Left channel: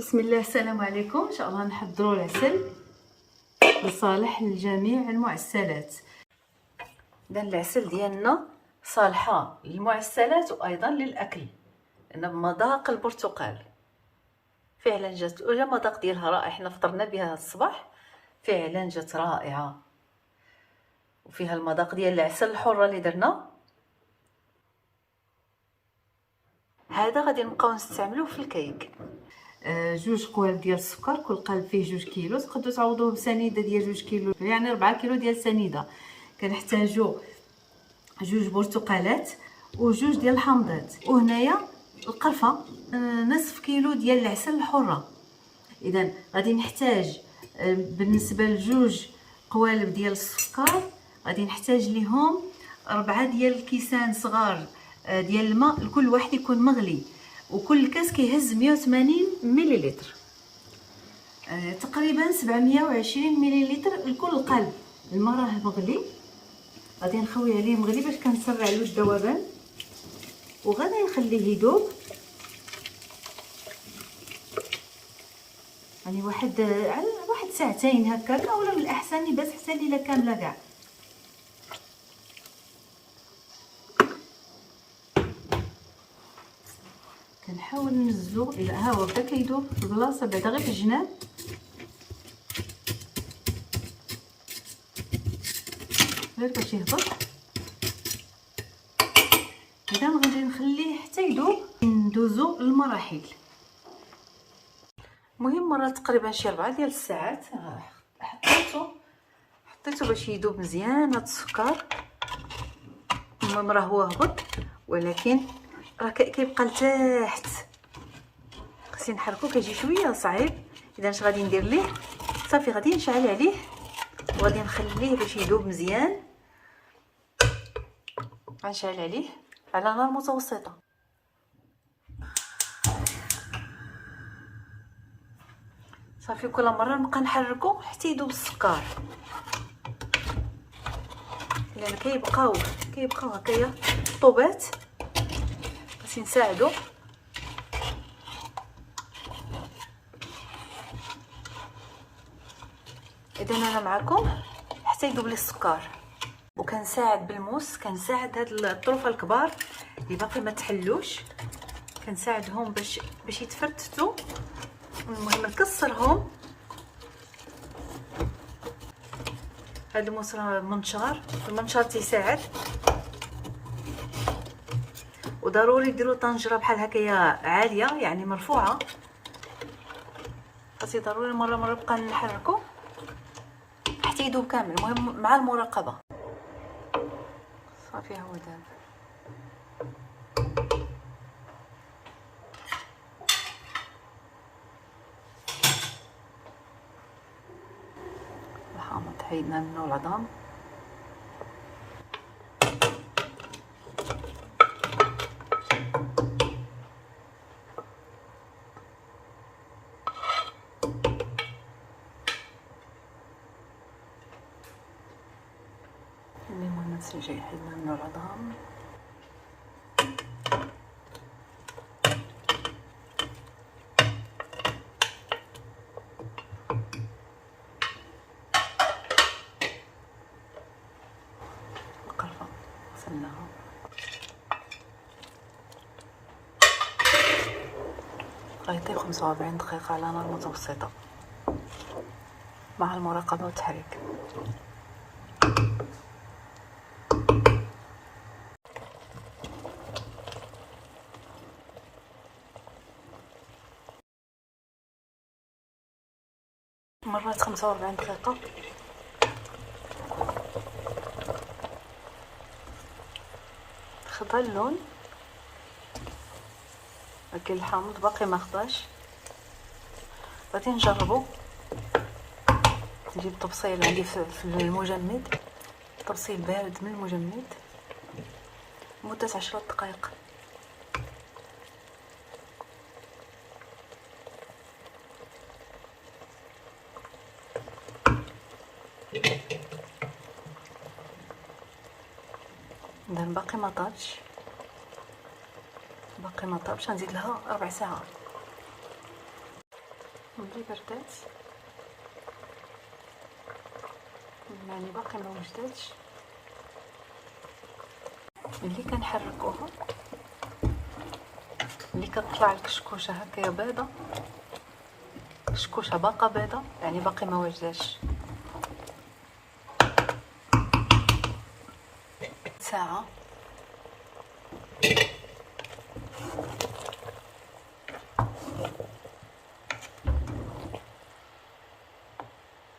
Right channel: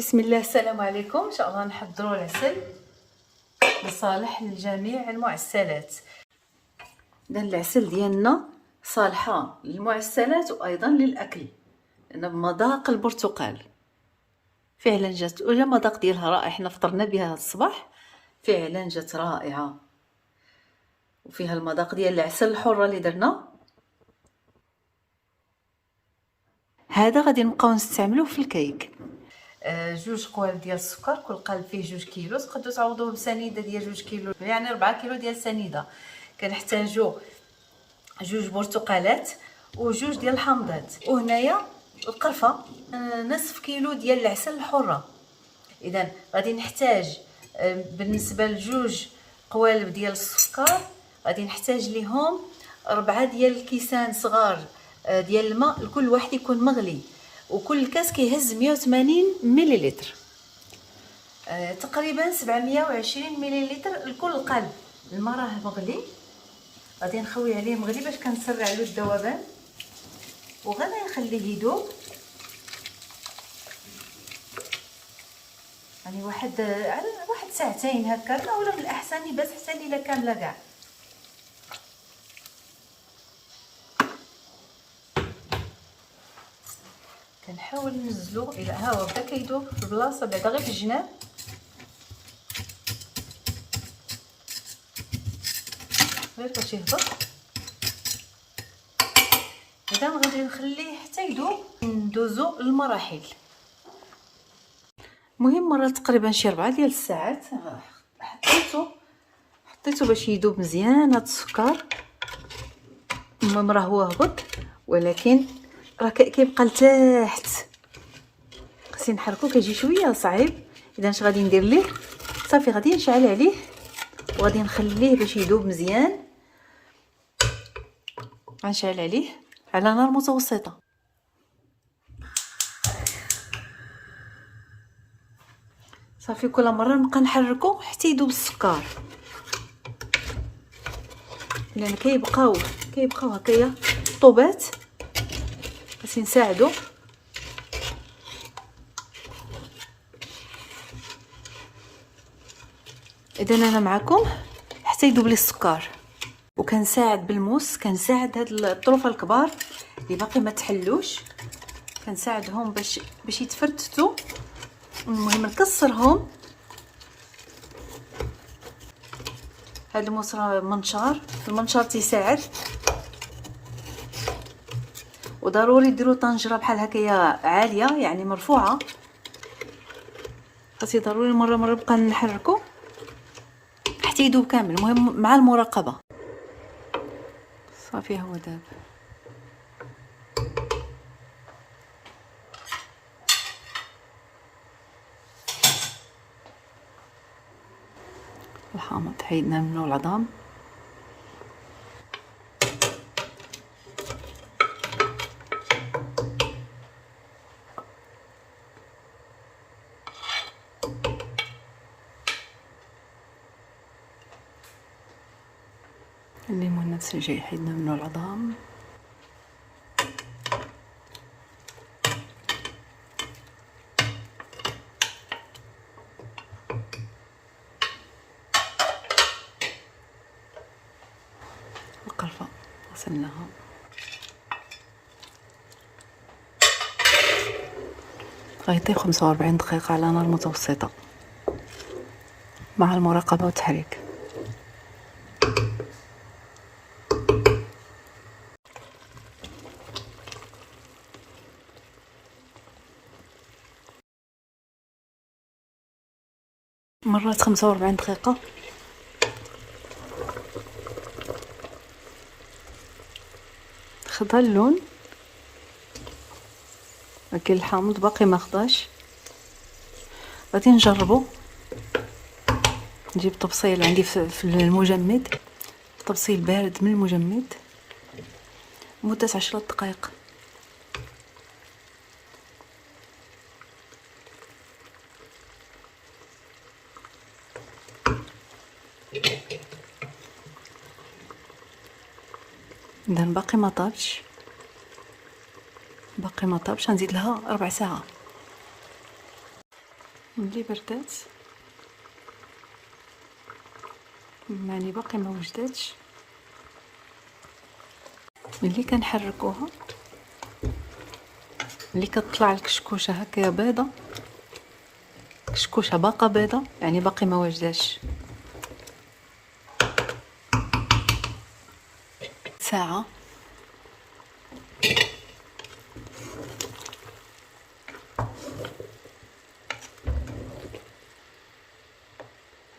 بسم الله، السلام عليكم. ان شاء الله نحضروا العسل لصالح لجميع المعسلات. اذا العسل ديالنا صالحه للمعسلات وايضا للاكل، لان بمذاق البرتقال. فعلا جات المذاق ديالها رائع، حنا فطرنا بها الصباح، فعلا جات رائعه. وفيها المذاق ديال العسل الحره اللي درنا. هذا غادي نبقاو نستعملوه في الكيك. جوج قوالب ديال السكر، كل قالب فيه 2 كيلو. تقدروا تعوضوه بسنيده ديال 2 كيلو، يعني 4 كيلو ديال السنيده. كنحتاجوا 2 برتقالات وجوج ديال الحامضات، وهنايا القرفه نصف كيلو ديال العسل الحره. اذا غادي نحتاج بالنسبه لجوج قوالب ديال السكر غادي نحتاج ليهم 4 ديال الكيسان صغار ديال الماء، لكل واحد يكون مغلي، وكل كاس كيهز 180 مليلتر، تقريبا 720 مليلتر لكل قلب. الماء راه مغلي، غادي نخوي عليه مغلي باش كنسرع له الذوبان، وغادي نخليه يذوب يعني واحد ساعتين هكا، اولا من الاحسن يبات حتى الليله كامله كاع. كنحاول ننزلو الى ها هو بدا كيذوب في البلاصه، بعدا غير في الجناب، غير باش يهبط. هذا غادي نخليه حتى يذوب، ندوزو للمراحل. المهم مرات تقريبا شي 4 ديال الساعات حطيته باش يذوب مزيان هذا السكر. المهم راه هو هبط، ولكن راه كيبقى لتحت، خصني نحركو، كيجي شويه صعيب. اذا اش غادي ندير ليه؟ صافي غادي نشعل عليه وغادي نخليه باش يذوب مزيان. غنشعل عليه على نار متوسطه. صافي كل مره نبقى نحركو حتى يذوب السكر، لان كيبقاو هكايا طوبات باش نساعدو. اذا انا معكم حتى يذوب لي السكر، وكنساعد بالموس، كنساعد هاد الطروفه الكبار اللي باقي ما تحلوش، كنساعدهم باش يتفتتوا. المهم نكسرهم. هاد الموس راه المنشار تيساعد، وضروري ديروا طنجره بحال هكايا عاليه، يعني مرفوعه، خاصي ضروري مره بقى نحركو حتى يذوب كامل. المهم مع المراقبه. صافي هو داب. الحامض حيدنا منه العظام. الليمون نفس الشيء حيدنا منه العظام. القرفة غسلناها. غيطيب 45 دقيقة على نار متوسطة مع المراقبة والتحريك. مرات 45 دقيقة. خدا اللون، لكن الحامض باقي ما خداش. غادي نجربو. نجيب طبسيل عندي في المجمد، طبسيل بارد من المجمد، مدة 10 دقائق. اذا باقي ما طابش، غنزيد لها 4 ساعات. ملي بردات يعني باقي ما وجداتش، ملي كنحركوها ملي كتطلع الكشكوشه هكا بيضه، كشكوشه باقا بيضه يعني باقي ما وجداش. ساعه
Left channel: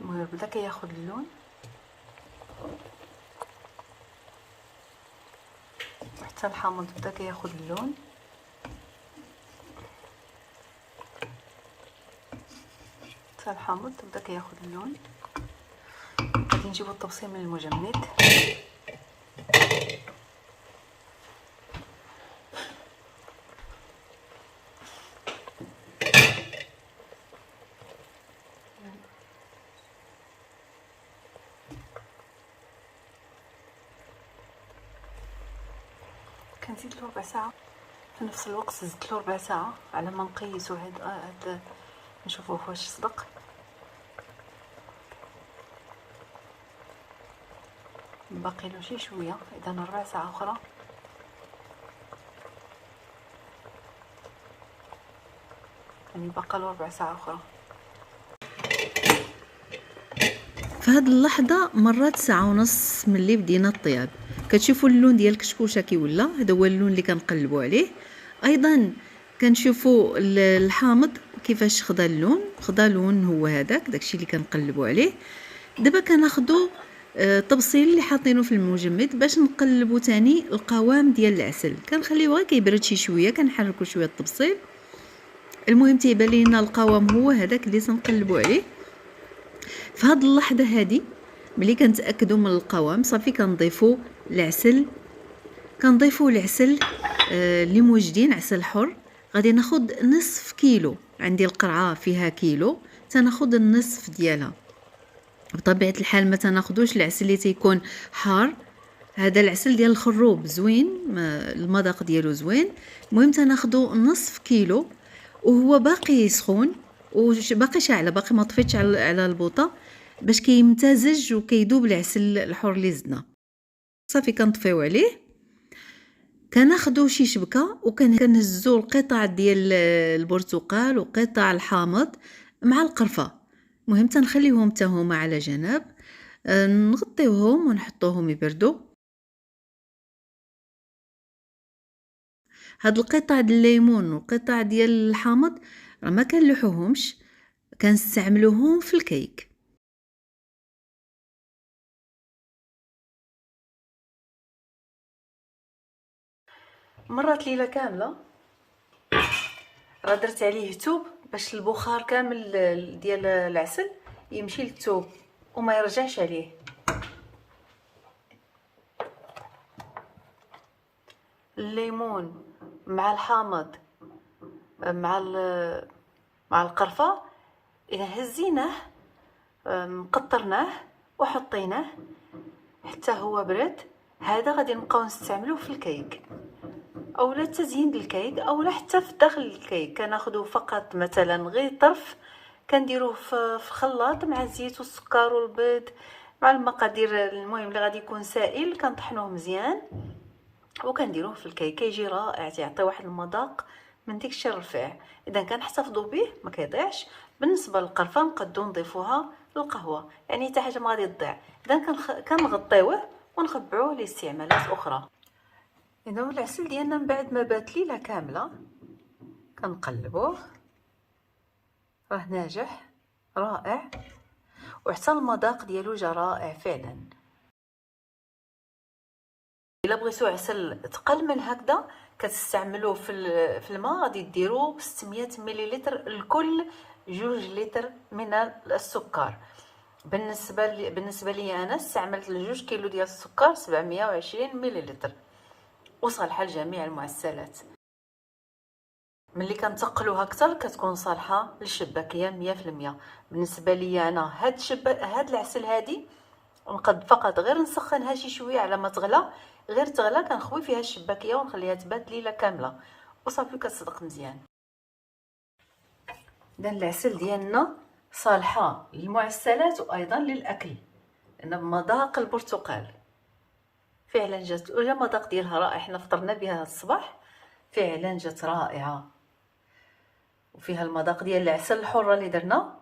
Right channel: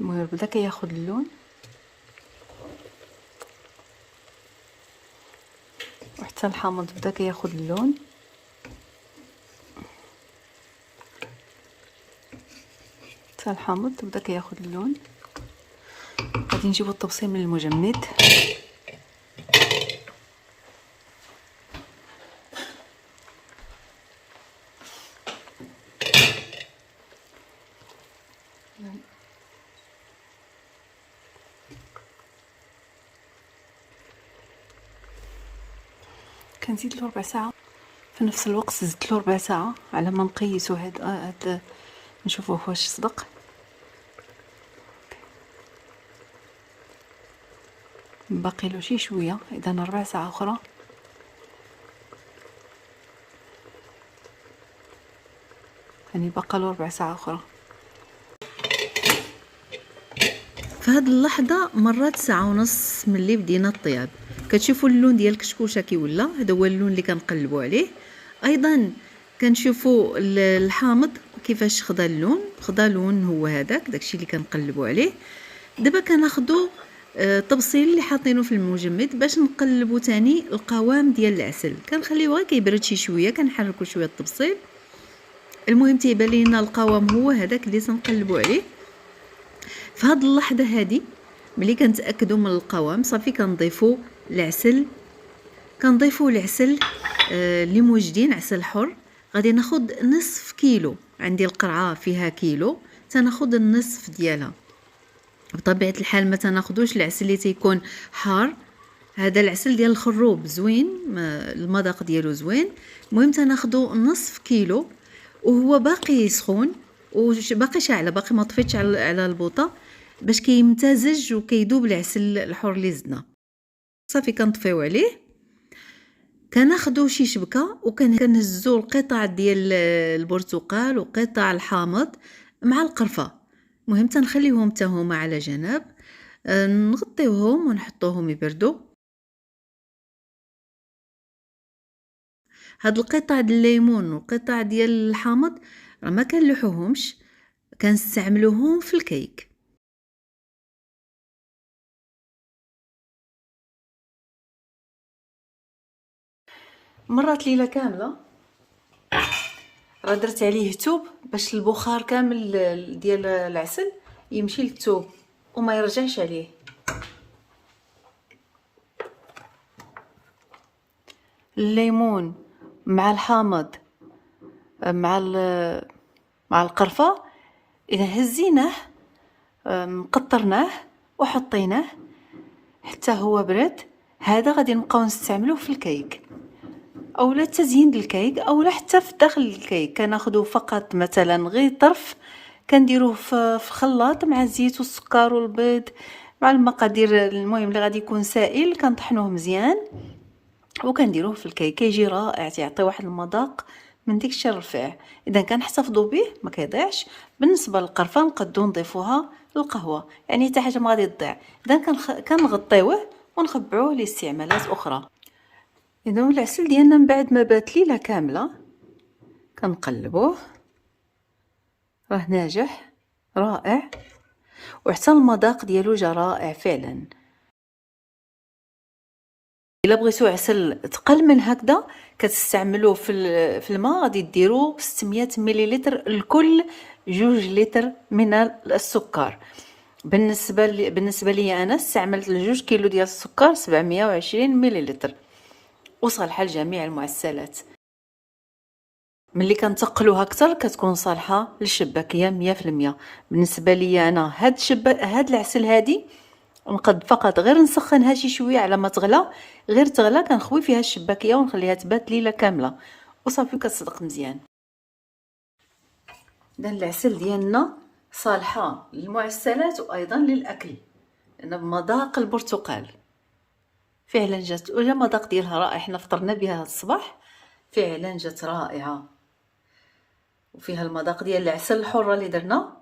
المهم بدا كياخد اللون، وحتى الحامض بدا كياخد اللون. حتى الحامض بدا كياخد اللون. غادي نجيبو الطبسيل من المجمد. كنزيد له ربع ساعه، في نفس الوقت زدت له ربع ساعه على ما نقيسو هاد نشوفوه واش صدق. باقي له شي شويه، اذا ربع ساعه اخرى. يعني باقا له ربع ساعه اخرى. في هاد اللحظه مرات ساعه ونص ملي بدينا الطياب. كتشوفوا اللون ديال الكشكوشه كي ولا، هذا هو اللون اللي كنقلبوا عليه. ايضا كنشوفوا الحامض كيفاش خدا اللون، خدا لون هو هذاك داكشي اللي كنقلبوا عليه. دابا كناخذوا الطبسيل اللي حاطينه في المجمد باش نقلبوا تاني القوام ديال العسل. كنخليوه غير كيبرد شي شويه، كنحركوا شويه الطبسيل. المهم تيبان لينا القوام هو هذاك اللي تنقلبوا عليه. في هاد اللحظه هذه ملي كنتاكدوا من القوام صافي كنضيفوا العسل. اللي موجدين عسل حر. غادي ناخذ نصف كيلو، عندي القرعه فيها كيلو، تناخذ النصف ديالها. بطبيعه الحال ما تناخذوش العسل اللي تيكون حار، هذا العسل ديال الخروب زوين، المذاق ديالو زوين. المهم تناخذوا نصف كيلو وهو باقي سخون وباقي شاعله، باقي ما طفيتش على البوطه باش كيمتزج وكيذوب العسل الحر اللي زدنا. صافي كنطفيو عليه، كناخذوا شي شبكه وكنهزوا القطع ديال البرتقال وقطع الحامض مع القرفه. المهم تنخليهم حتى هما على جنب، نغطيوهم ونحطوهم يبردوا. هاد القطع ديال الليمون وقطع ديال الحامض راه ما كنلوحوهمش، كنستعملوهم في الكيك. مرات ليله كامله راه درت عليه توب باش البخار كامل ديال العسل يمشي للثوب وما يرجعش عليه. الليمون مع الحامض مع القرفه اذا هزيناه قطرناه وحطيناه حتى هو برد، هذا غادي نبقاو نستعملوه في الكيك اولا تزيين الكيك اولا حتى في داخل الكيك. كناخذوا فقط مثلا غير طرف، كنديروه في خلاط مع الزيت والسكر والبيض مع المقادير. المهم اللي غادي يكون سائل كنطحنوه مزيان وكنديروه في الكيك، كيجي رائع، تيعطي واحد المذاق من ديك الشيء الرفيع. اذا كنحتفظوا به ما كيضيعش. بالنسبه للقرفه نقدروا نضيفوها للقهوه، يعني حتى حاجه ما غادي تضيع. اذا كنغطيوه ونخبعوه لاستعمالات اخرى. اذا العسل ديالنا من بعد ما بات ليله كامله كنقلبوه، راه ناجح رائع وحتى المذاق ديالو جا رائع فعلا. الا بغيتو عسل تقل من هكذا كتستعملوه في الماء، غادي ديروا 600 مليلتر لكل 2 لتر من السكر. بالنسبه لي انا استعملت 2 كيلو ديال السكر 720 مليلتر وصالحه لجميع المعسلات. ملي كنتقلوها اكثر كتكون صالحه للشباكيه 100%. بالنسبه لي انا هاد العسل هادي نقد فقط غير نسخنها شي شويه على ما تغلى، غير تغلى كنخوي فيها الشباكيه ونخليها تبات ليله كامله وصافي كتصدق مزيان. إذا العسل ديالنا صالحة للمعسلات وأيضا للأكل، لأن بمذاق البرتقال فعلا جات، وجا المذاق ديالها رائع. حنا فطرنا بها الصباح، فعلا جات رائعة، وفيها المذاق ديال العسل الحرة اللي درنا